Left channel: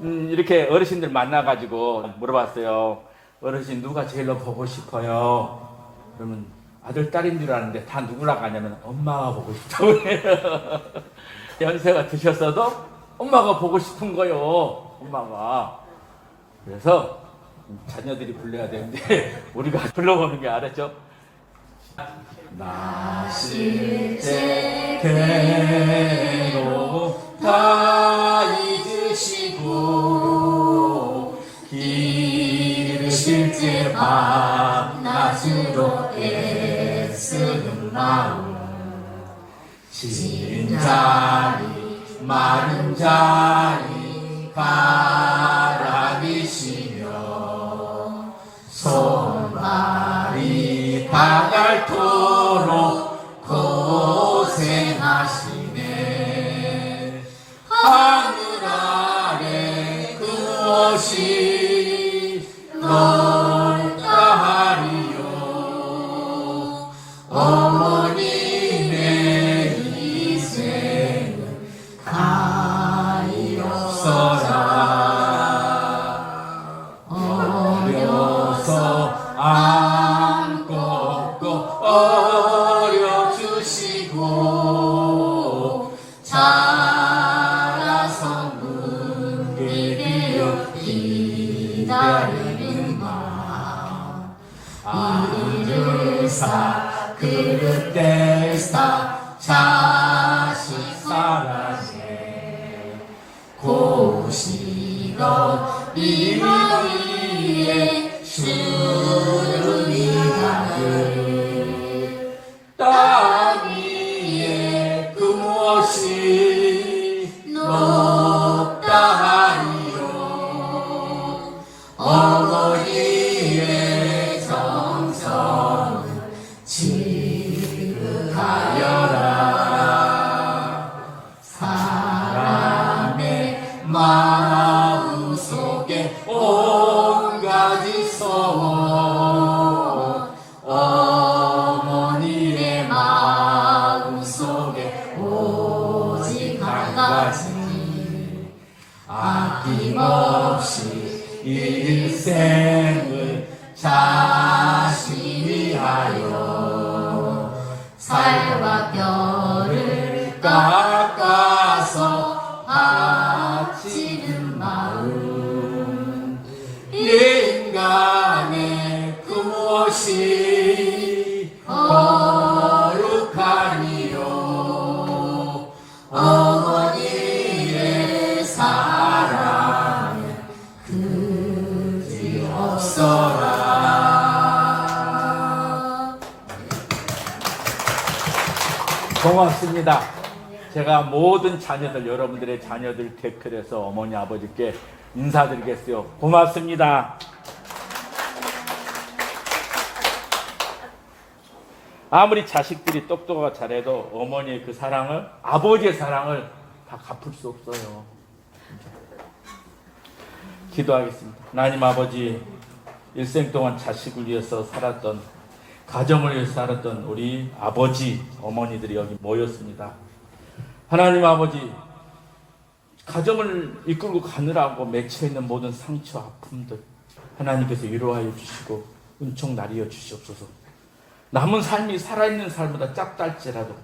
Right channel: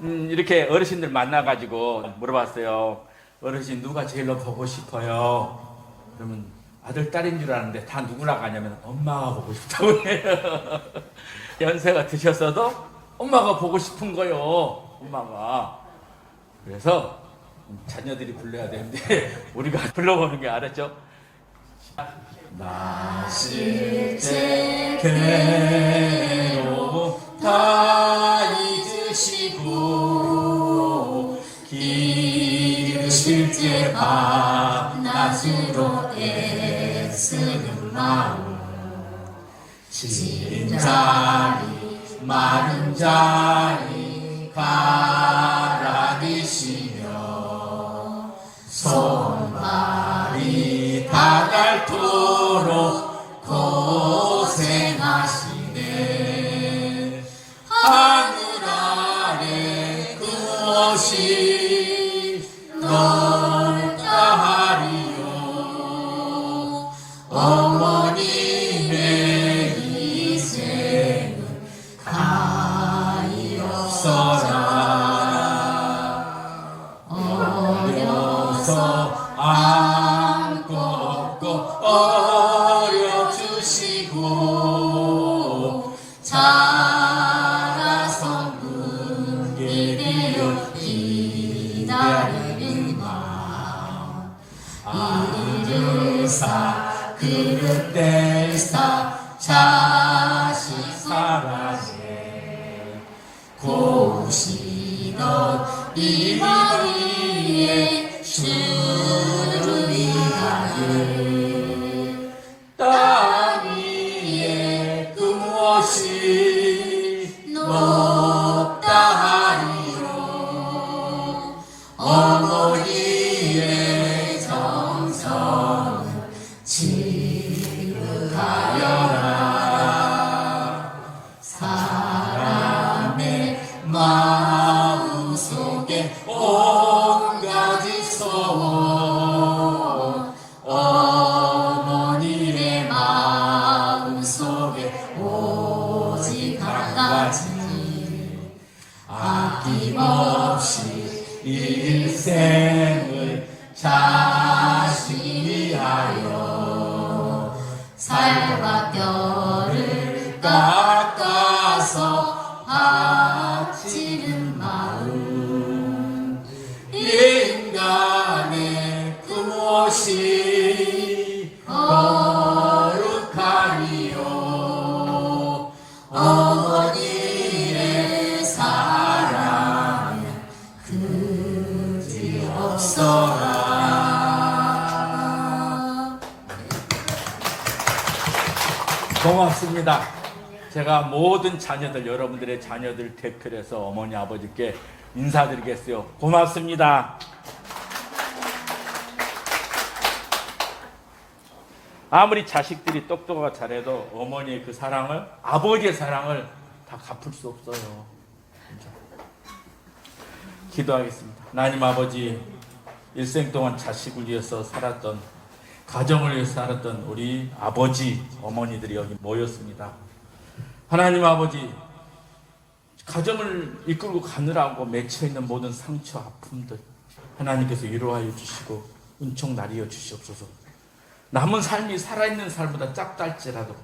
이렇게 어르신들 만나가지고 물어봤어요. 어르신 누가 제일로 보고 싶어요? 그러면 아들, 딸인 줄 아는데 다 누구라고 하냐면 엄마가 보고 싶다고 해요. 연세가 드셨어도 엄마가 보고 싶은 거요. 엄마가. 그래서 자녀들이 불러야 되는데 우리가 불러보는 게 알았죠? 나 실제 괴로움 다 잊으시고 기르실 때 밤낮으로 애쓰는 마음 진 자리 마른 자리 가라비시며 손발이 다 닳도록 고생하시네. 하늘 아래 그 옷이 넓다 하리요. 어머님의 인생은 가엾어라. 어려서 안고 업고 어려주시고 자라서 문게 되어 기다리는 마 이를 사 그릇 뗄사 자식 사라제 고시던 이 위에 주님이 아들 땅 위에 그 무엇이 높다 하리요. 어머니의 정성을 지극하여라. 사람의 마음 속에 온 가지 소원 어머니의 마음 속에 오직 한 가지 아낌없이 일생을 자신이 하여 살과 뼈를 깎아서 바치는 마음 인간의 그 무엇이 거룩하니요. 어머니의 사랑은 그지 없어라. 고맙습니다. 제가 모든 자녀들, 여러분들의 자녀들 댓글에서 어머니 아버지께 인사드리겠어요. 고맙습니다. 아무리 자식들이 똑똑하고 잘해도 어머니의 그 사랑을, 아버지의 사랑을 다 갚을 수 없어요. 진짜. 기도하겠습니다. 하나님 아버지, 일생 동안 자식을 위해서 살았던, 가정을 위해서 살았던 우리 아버지, 어머니들이 여기 모였습니다. 하나님 아버지, 가정을 이끌고 가느라고 맺혀있는 모든 상처, 아픔들 하나님께서 위로하여 주시고 은총 나리여 주시옵소서. 남은 삶이 살아있는 삶보다 작달지라도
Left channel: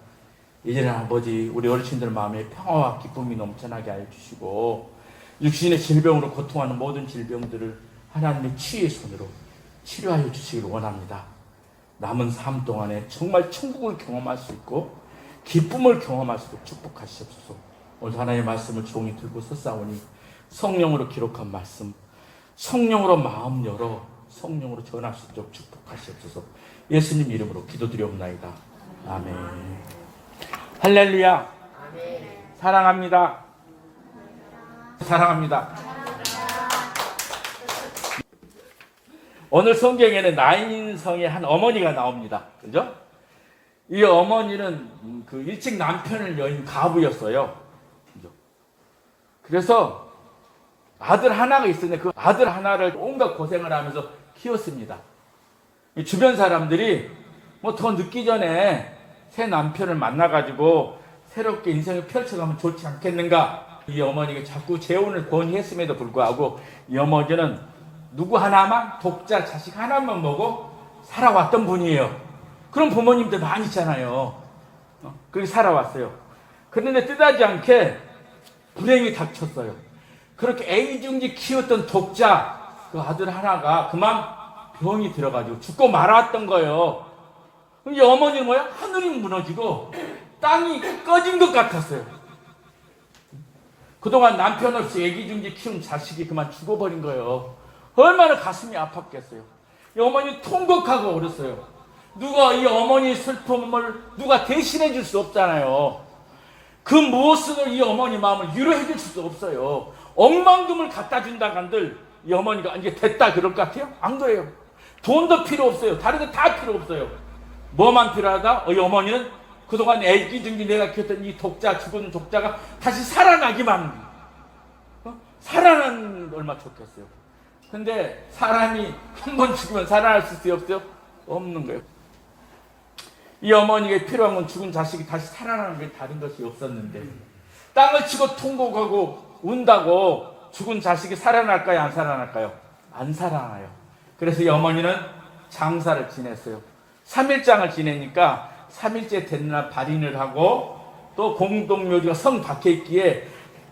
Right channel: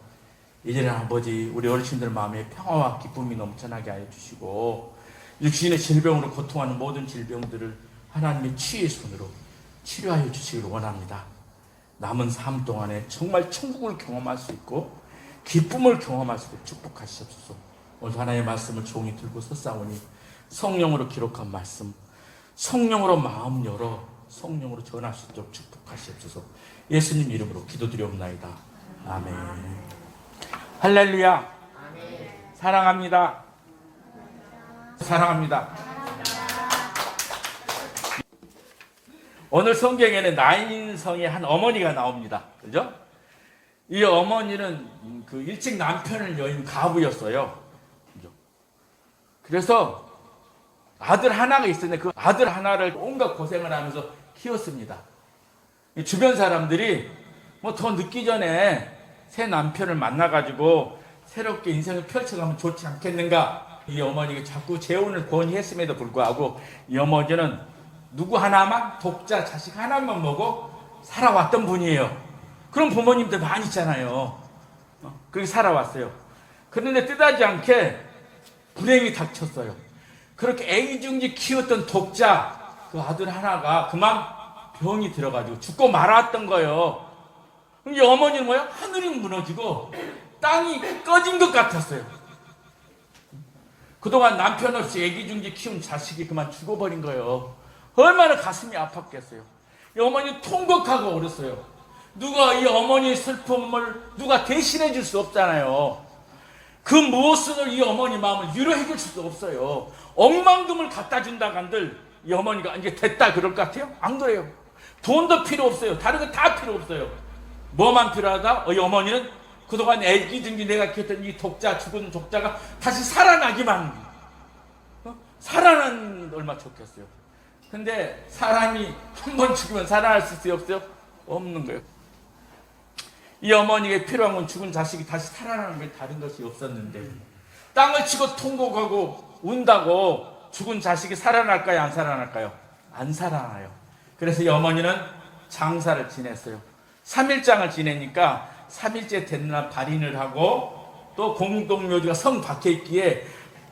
이제는 아버지 우리 어르신들 마음에 평화와 기쁨이 넘쳐나게 하여 주시고 육신의 질병으로 고통하는 모든 질병들을 하나님의 치유의 손으로 치료하여 주시기를 원합니다. 남은 삶 동안에 정말 천국을 경험할 수 있고 기쁨을 경험할 수 있도록 축복하시옵소서. 오늘 하나님의 말씀을 종이 들고 섰사오니 성령으로 기록한 말씀, 성령으로 마음 열어 성령으로 전할 수 있도록 축복하시옵소서. 예수님 이름으로 기도드리옵나이다. 아멘. 할렐루야. 사랑합니다. 사랑합니다. 오늘 성경에는 나인성의 한 어머니가 나옵니다. 그죠? 이 어머니는 그 일찍 남편을 여인 가부였어요. 그래서 아들 하나가 있었는데 그 아들 하나를 온갖 고생을 하면서 키웠습니다. 주변 사람들이 뭐 더 늦기 전에 새 남편을 만나가지고 새롭게 인생을 펼쳐가면 좋지 않겠는가 이 어머니가 자꾸 재혼을 권유했음에도 불구하고 이 어머니는 누구 하나만, 독자 자식 하나만 보고 살아왔던 분이에요. 그런 부모님들 많이 있잖아요. 그렇게 살아왔어요. 그런데 뜻하지 않게 불행이 닥쳤어요. 그렇게 애기중지 키웠던 독자 그 아들 하나가 그만 병이 들어가지고 죽고 말았던 거예요. 이 어머니는 뭐야? 하늘이 무너지고 땅이 꺼진 것 같았어요. 그동안 남편 없이 애기중지 키운 자식이 그만 죽어버린 거예요. 얼마나 가슴이 아팠겠어요. 이 어머니 통곡하고 울었어요. 누가 이 어머니의 슬픔을 누가 대신해 줄 수 없잖아요. 그 무엇을 이 어머니 마음을 위로해 줄 수도 없어요. 억만금을 갖다 준다고 한들 이 어머니가 이제 됐다 그럴 것 같아요? 안 그래요. 돈도 필요 없어요. 다른 거 다 필요 없어요. 뭐만 필요하다? 이 어머니는 그동안 애기중지 내가 키웠던 이 독자, 죽은 독자가 다시 살아나기만, 살아나는 게 얼마나 좋겠어요. 근데 사람이 한 번 죽으면 살아날 수 없어요? 없는 거예요. 이 어머니에게 필요한 건 죽은 자식이 다시 살아나는 게 다른 것이 없었는데, 땅을 치고 통곡하고 운다고 죽은 자식이 살아날까요? 안 살아날까요? 안 살아나요. 그래서 이 어머니는 장사를 지냈어요. 3일장을 지내니까 3일째 되는 날 발인을 하고, 또 공동묘지가 성 밖에 있기에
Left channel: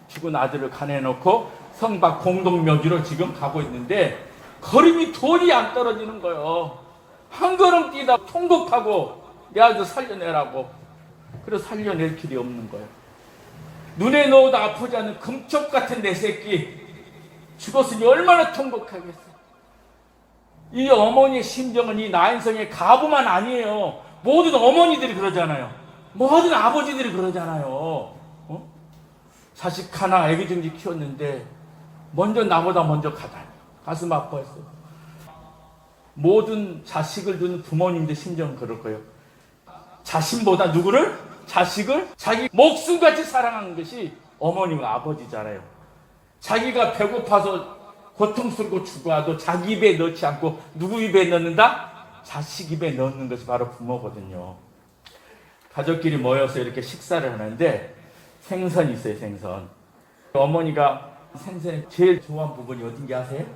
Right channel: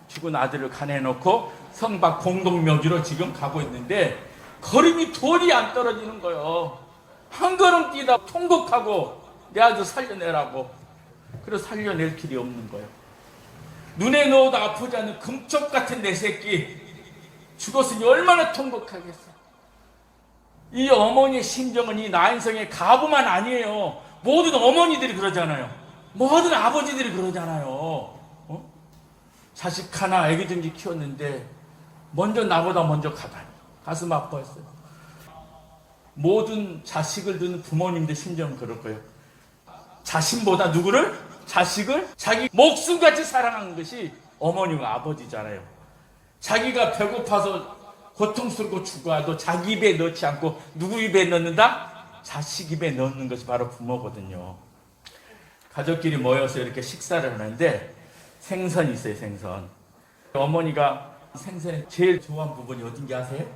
죽은 아들을 가내놓고 성 밖 공동묘지로 지금 가고 있는데 걸음이 돌이 안 떨어지는 거예요. 한 걸음 뛰다 통곡하고 내 아들 살려내라고. 그래서 살려낼 길이 없는 거예요. 눈에 넣어도 아프지 않은 금쪽 같은 내 새끼 죽었으니 얼마나 통곡하겠어. 이 어머니의 심정은 이 나인성의 가부만 아니에요. 모든 어머니들이 그러잖아요. 모든 아버지들이 그러잖아요. 자식 하나 애기중지 키웠는데 먼저 나보다 먼저 가다니 가슴 아파했어요. 모든 자식을 두는 부모님들 심정은 그럴 거예요. 자신보다 누구를? 자식을 자기 목숨같이 사랑하는 것이 어머니와 아버지잖아요. 자기가 배고파서 고통스럽고 죽어도 자기 입에 넣지 않고 누구 입에 넣는다? 자식 입에 넣는 것이 바로 부모거든요. 가족끼리 모여서 이렇게 식사를 하는데 생선이 있어요. 생선. 어머니가 생선에 제일 좋아하는 부분이 어딘지 아세요?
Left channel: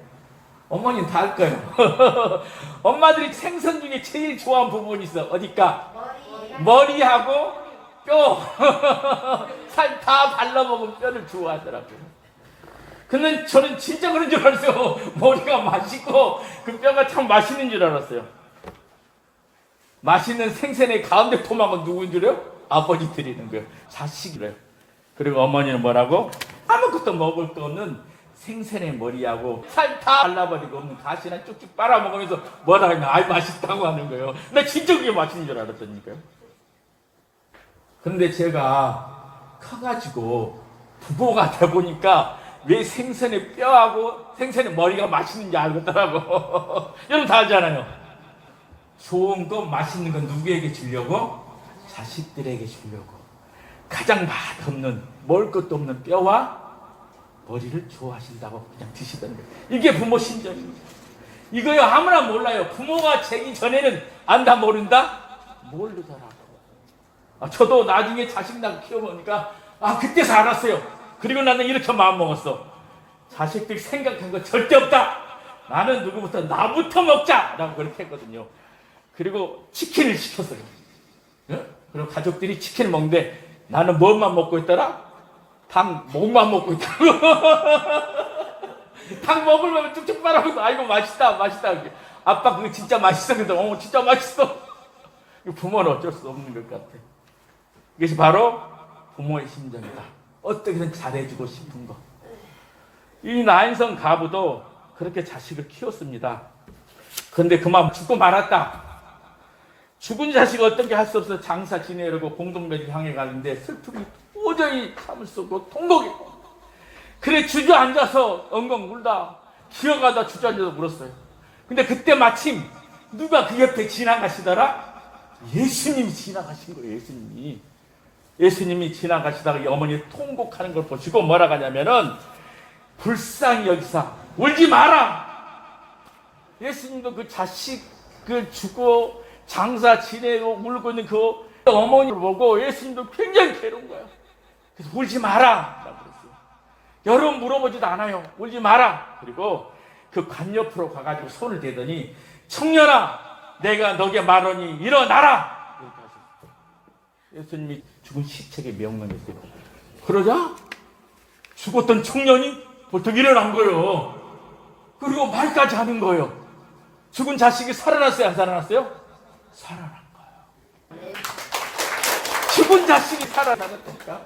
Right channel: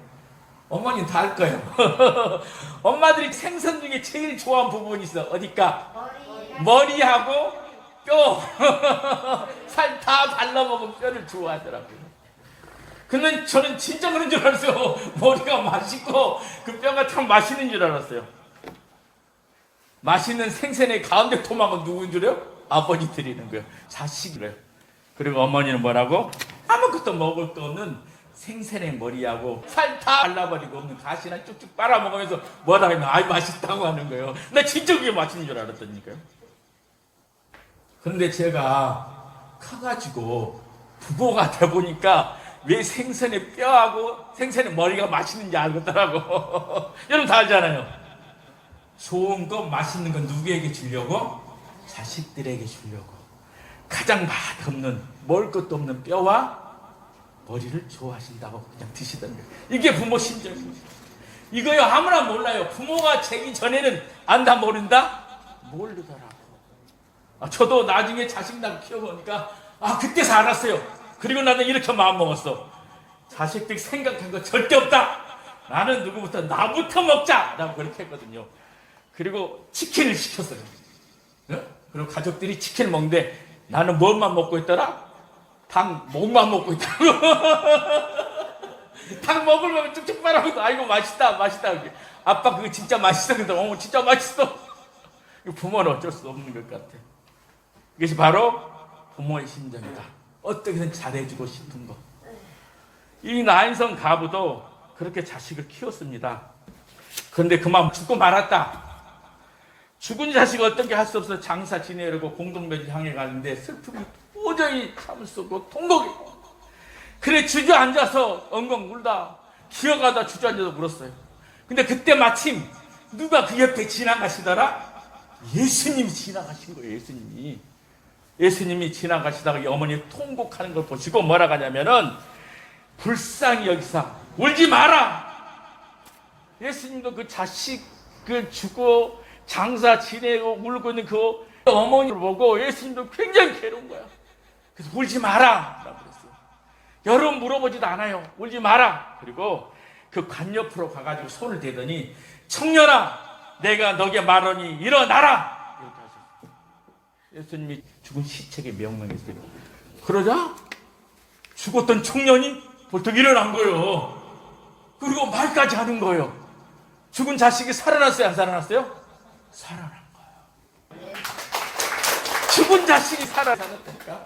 어머니는 다 알 거예요. 엄마들이 생선 중에 제일 좋아하는 부분이 있어. 어딜까? 머리하고 뼈. 살 다 발라먹으면 뼈를 좋아하더라고요. 근데 저는 진짜 그런 줄 알았어요. 머리가 맛있고 그 뼈가 참 맛있는 줄 알았어요. 맛있는 생선의 가운데 토막은 누군 줄요? 아버지 드리는 거예요. 자식이래요. 그리고 어머니는 뭐라고? 아무것도 먹을 거 없는 생선의 머리하고 살 다 발라버리고 없는 가시나 쭉쭉 빨아먹으면서 뭐라 하면 아이 맛있다고 하는 거예요. 나 진짜 그게 맛있는 줄 알았다니까요. 그런데 제가 커가지고 부모가 돼보니까 왜 생선의 뼈하고 생선의 머리가 맛있는지 알겠더라고. 여러분 다 알잖아요. 좋은 거 맛있는 건 누구에게 주려고? 자식들에게 주려고. 가장 맛없는 먹을 것도 없는 뼈와 머리를 좋아하신다고 그냥 드시던 거예요. 이게 부모 심정입니다. 이거요 아무나 몰라요. 부모가 되기 전에는 안다 모른다? 모르더라고. 저도 나중에 자식 낳고 키워보니까 그때서 알았어요. 그리고 나는 이렇게 마음먹었어. 자식들 생각한 거 절대 없다. 나는 누구부터 나부터 먹자 라고 그렇게 했거든요. 그리고 치킨을 시켰어요. 그리고 가족들이 치킨을 먹는데 나는 뭐만 먹고 있더라? 닭 목만 먹고 있다고. 닭 먹으려면 쭉쭉 빨아먹고 아이고 맛있다 맛있다. 아빠 그거 진짜 맛있어. 그러더니 진짜 맛있어. 부모는 어쩔 수 없는 것 같아. 이것이 바로 부모의 심정이다. 어떻게든 잘해주고 싶은 거. 이 나인성 가부도 그렇게 자식을 키웠습니다. 그런데 그만 죽고 말았다. 죽은 자식이 어떻게 할 수 없어 장사 지내려고 공동묘지 향해 가는데 슬픔이 도저히 참을 수 없고 통곡이. 그래 주저앉아서 엉엉 울다 기어가다 주저앉아서 울었어요. 근데 그때 마침 누가 그 옆에 지나가시더라? 예수님이 지나가신 거예요. 예수님이 지나가시다가 이 어머니 통곡하는 걸 보시고 뭐라 하냐면은 불쌍히 여기사 울지 마라. 예수님도 그 자식 그 죽어 장사 지내고 울고 있는 그 어머니를 보고 예수님도 굉장히 괴로운 거야. 그래서 울지 마라 라고 그랬어요. 여러분 물어보지도 않아요. 울지 마라. 그리고 그 관 옆으로 가가지고 손을 대더니 청년아 내가 너게 말하니 일어나라. 이렇게 하셨어요. 예수님이 죽은 시체에게 명령했어요. 그러자 죽었던 청년이 벌떡 일어난 거예요. 그리고 말까지 하는 거예요. 죽은 자식이 살아났어요? 안 살아났어요? 살아난 거예요. 죽은 자식이 살아났다니까.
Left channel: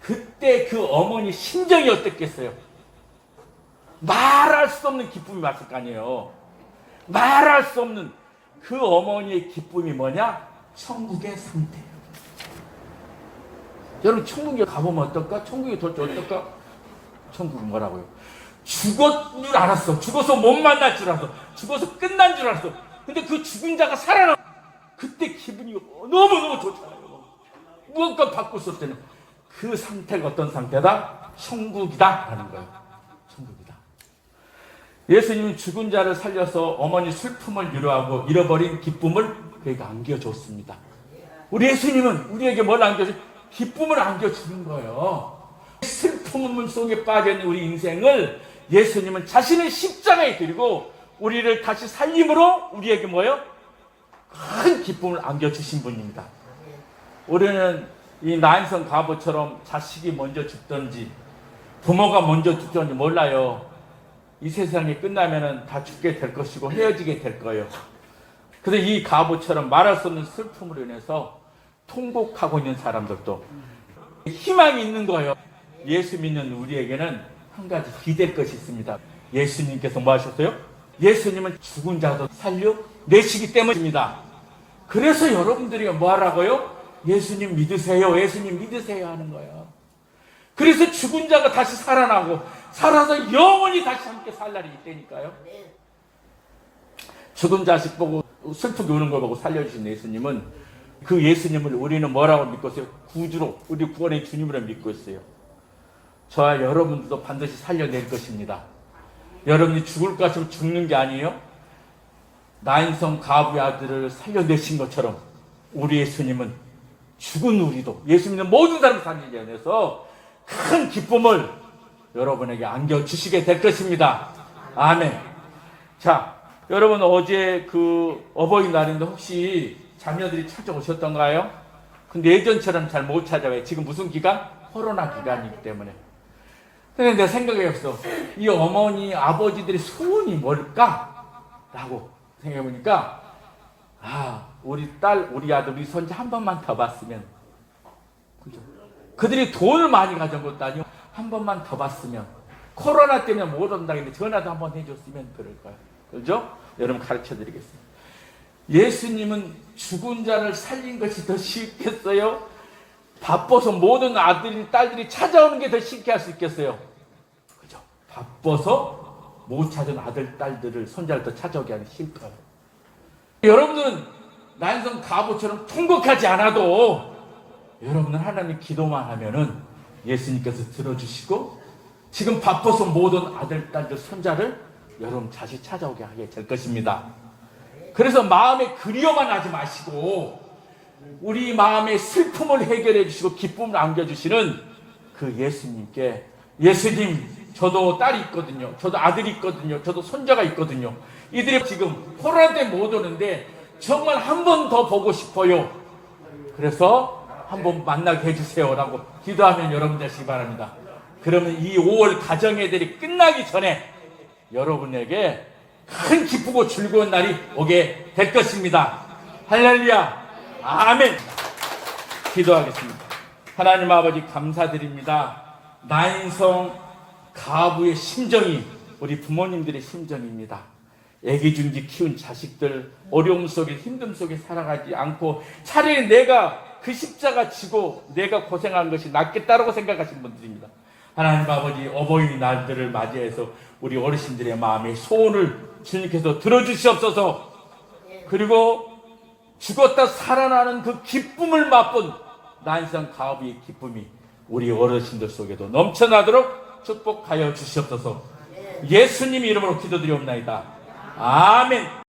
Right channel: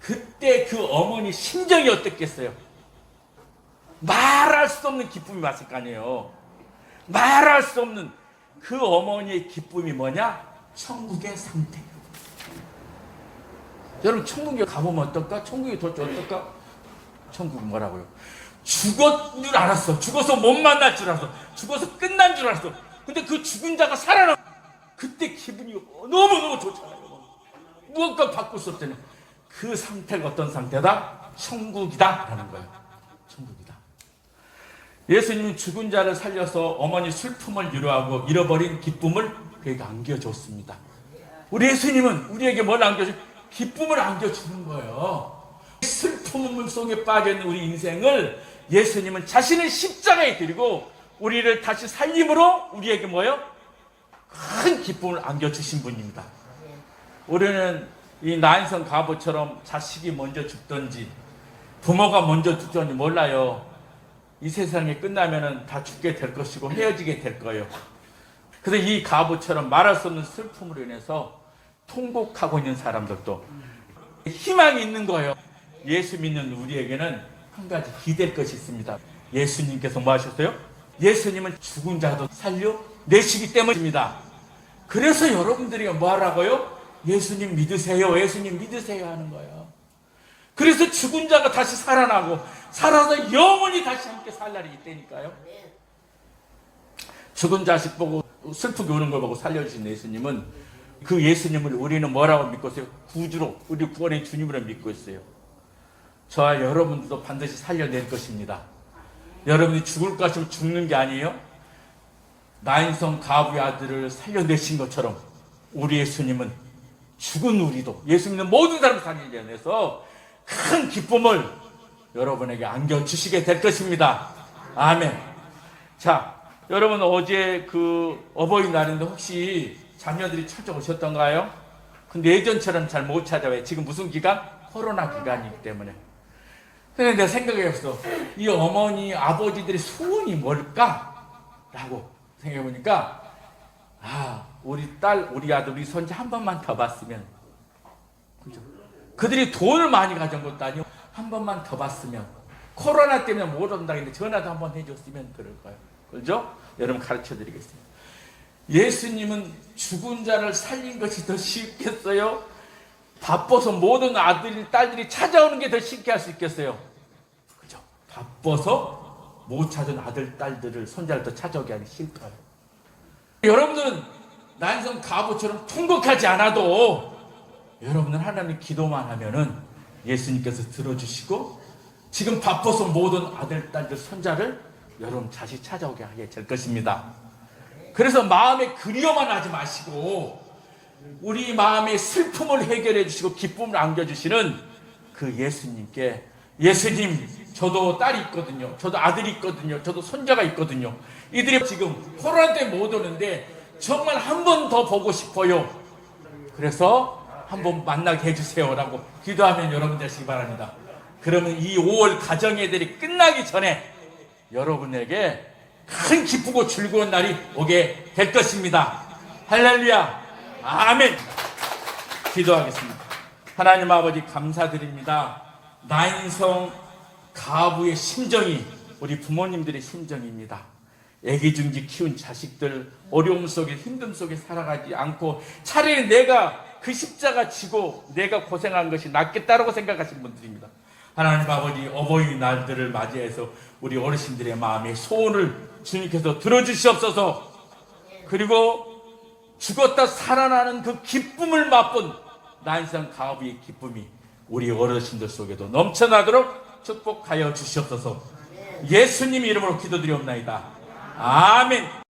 그때 그 어머니 심정이 어떻겠어요? 말할 수 없는 기쁨이 왔을 거 아니에요. 말할 수 없는 그 어머니의 기쁨이 뭐냐? 천국의 상태. 여러분 천국에 가보면 어떨까? 천국에 돌지 어떨까? 천국은 뭐라고요? 죽었는 줄 알았어. 죽어서 못 만날 줄 알았어. 죽어서 끝난 줄 알았어. 근데 그 죽은 자가 살아나. 그때 기분이 너무너무 좋잖아요. 무엇과 바꿀 수 없잖아요. 그 상태가 어떤 상태다? 천국이다 라는 거예요. 천국이다. 예수님은 죽은 자를 살려서 어머니 슬픔을 위로하고 잃어버린 기쁨을 그에게 안겨줬습니다. 우리 예수님은 우리에게 뭘 안겨줘? 기쁨을 안겨주는 거예요. 슬픔 속에 빠져있는 우리 인생을 예수님은 자신의 십자가에 드리고 우리를 다시 살림으로 우리에게 뭐예요? 큰 기쁨을 안겨주신 분입니다. 우리는 이 나인성 과부처럼 자식이 먼저 죽든지 부모가 먼저 죽든지 몰라요. 이 세상이 끝나면은 다 죽게 될 것이고 헤어지게 될 거예요. 그래서 이 과부처럼 말할 수 없는 슬픔으로 인해서 통곡하고 있는 사람들도 희망이 있는 거예요. 예수 믿는 우리에게는 한 가지 기댈 것이 있습니다. 예수님께서 뭐 하셨어요? 예수님은 죽은 자도 살려내시기 때문입니다. 그래서 여러분들이 뭐 하라고요? 예수님 믿으세요. 예수님 믿으세요 하는 거예요. 그래서 죽은 자가 다시 살아나고 살아서 영원히 다시 함께 살 날이 있다니까요. 죽은 자식 보고 슬프게 우는 걸 보고 살려주신 예수님은 그 예수님을 우리는 뭐라고 믿고 있어요? 구주로 우리 구원의 주님으로 믿고 있어요. 저와 여러분들도 반드시 살려낼 것입니다. 여러분이 죽을 것 같으면 죽는 게 아니에요. 나인성 가부의 아들을 살려내신 것처럼 우리 예수님은 죽은 우리도 예수 믿는 모든 사람을 살리기 위해서 큰 기쁨을 여러분에게 안겨주시게 될 것입니다. 아멘. 자, 여러분 어제 그 어버이날인데 혹시 자녀들이 찾아오셨던가요? 근데 예전처럼 잘 못 찾아와요. 지금 무슨 기간? 코로나 기간이기 때문에. 근데 내 생각이었어. 이 어머니, 아버지들의 소원이 뭘까? 라고 생각해보니까, 우리 딸, 우리 아들, 우리 손자 한 번만 더 봤으면. 그죠? 그들이 돈을 많이 가져온 것도 아니고, 한 번만 더 봤으면. 코로나 때문에 못 온다 했는데 전화도 한 번 해줬으면 그럴 거예요. 그죠? 여러분 가르쳐 드리겠습니다. 예수님은 죽은 자를 살린 것이 더 쉽겠어요? 바빠서 모든 아들이, 딸들이 찾아오는 게 더 쉽게 할 수 있겠어요? 그죠? 바빠서 못 찾은 아들, 딸들을, 손자를 더 찾아오게 하는 실패예요. 여러분들은 난성 가부처럼 통곡하지 않아도 여러분은 하나님 기도만 하면은 예수님께서 들어주시고 지금 바빠서 모든 아들, 딸들, 손자를 여러분 다시 찾아오게 하게 될 것입니다. 그래서 마음에 그리워만 하지 마시고 우리 마음의 슬픔을 해결해 주시고 기쁨을 안겨주시는 그 예수님께 예수님 저도 딸이 있거든요. 저도 아들이 있거든요. 저도 손자가 있거든요. 이들이 지금 코로나 때문에 못 오는데 정말 한 번 더 보고 싶어요. 그래서 한번 만나게 해주세요 라고 기도하면 여러분 되시기 바랍니다. 그러면 이 5월 가정예들이 끝나기 전에 여러분에게 큰 기쁘고 즐거운 날이 오게 될 것입니다. 할렐루야. 아멘. 기도하겠습니다. 하나님 아버지 감사드립니다. 나인성 가부의 심정이 우리 부모님들의 심정입니다. 애기 중지 키운 자식들 어려움 속에 힘듦 속에 살아가지 않고 차라리 내가 그 십자가 지고 내가 고생한 것이 낫겠다라고 생각하신 분들입니다. 하나님 아버지 어버이날들을 맞이해서 우리 어르신들의 마음의 소원을 주님께서 들어주시옵소서. 그리고 죽었다 살아나는 그 기쁨을 맛본 나인성 가부의 기쁨이 우리 어르신들 속에도 넘쳐나도록 축복하여 주시옵소서. 예수님 이름으로 기도드리옵나이다. 아멘.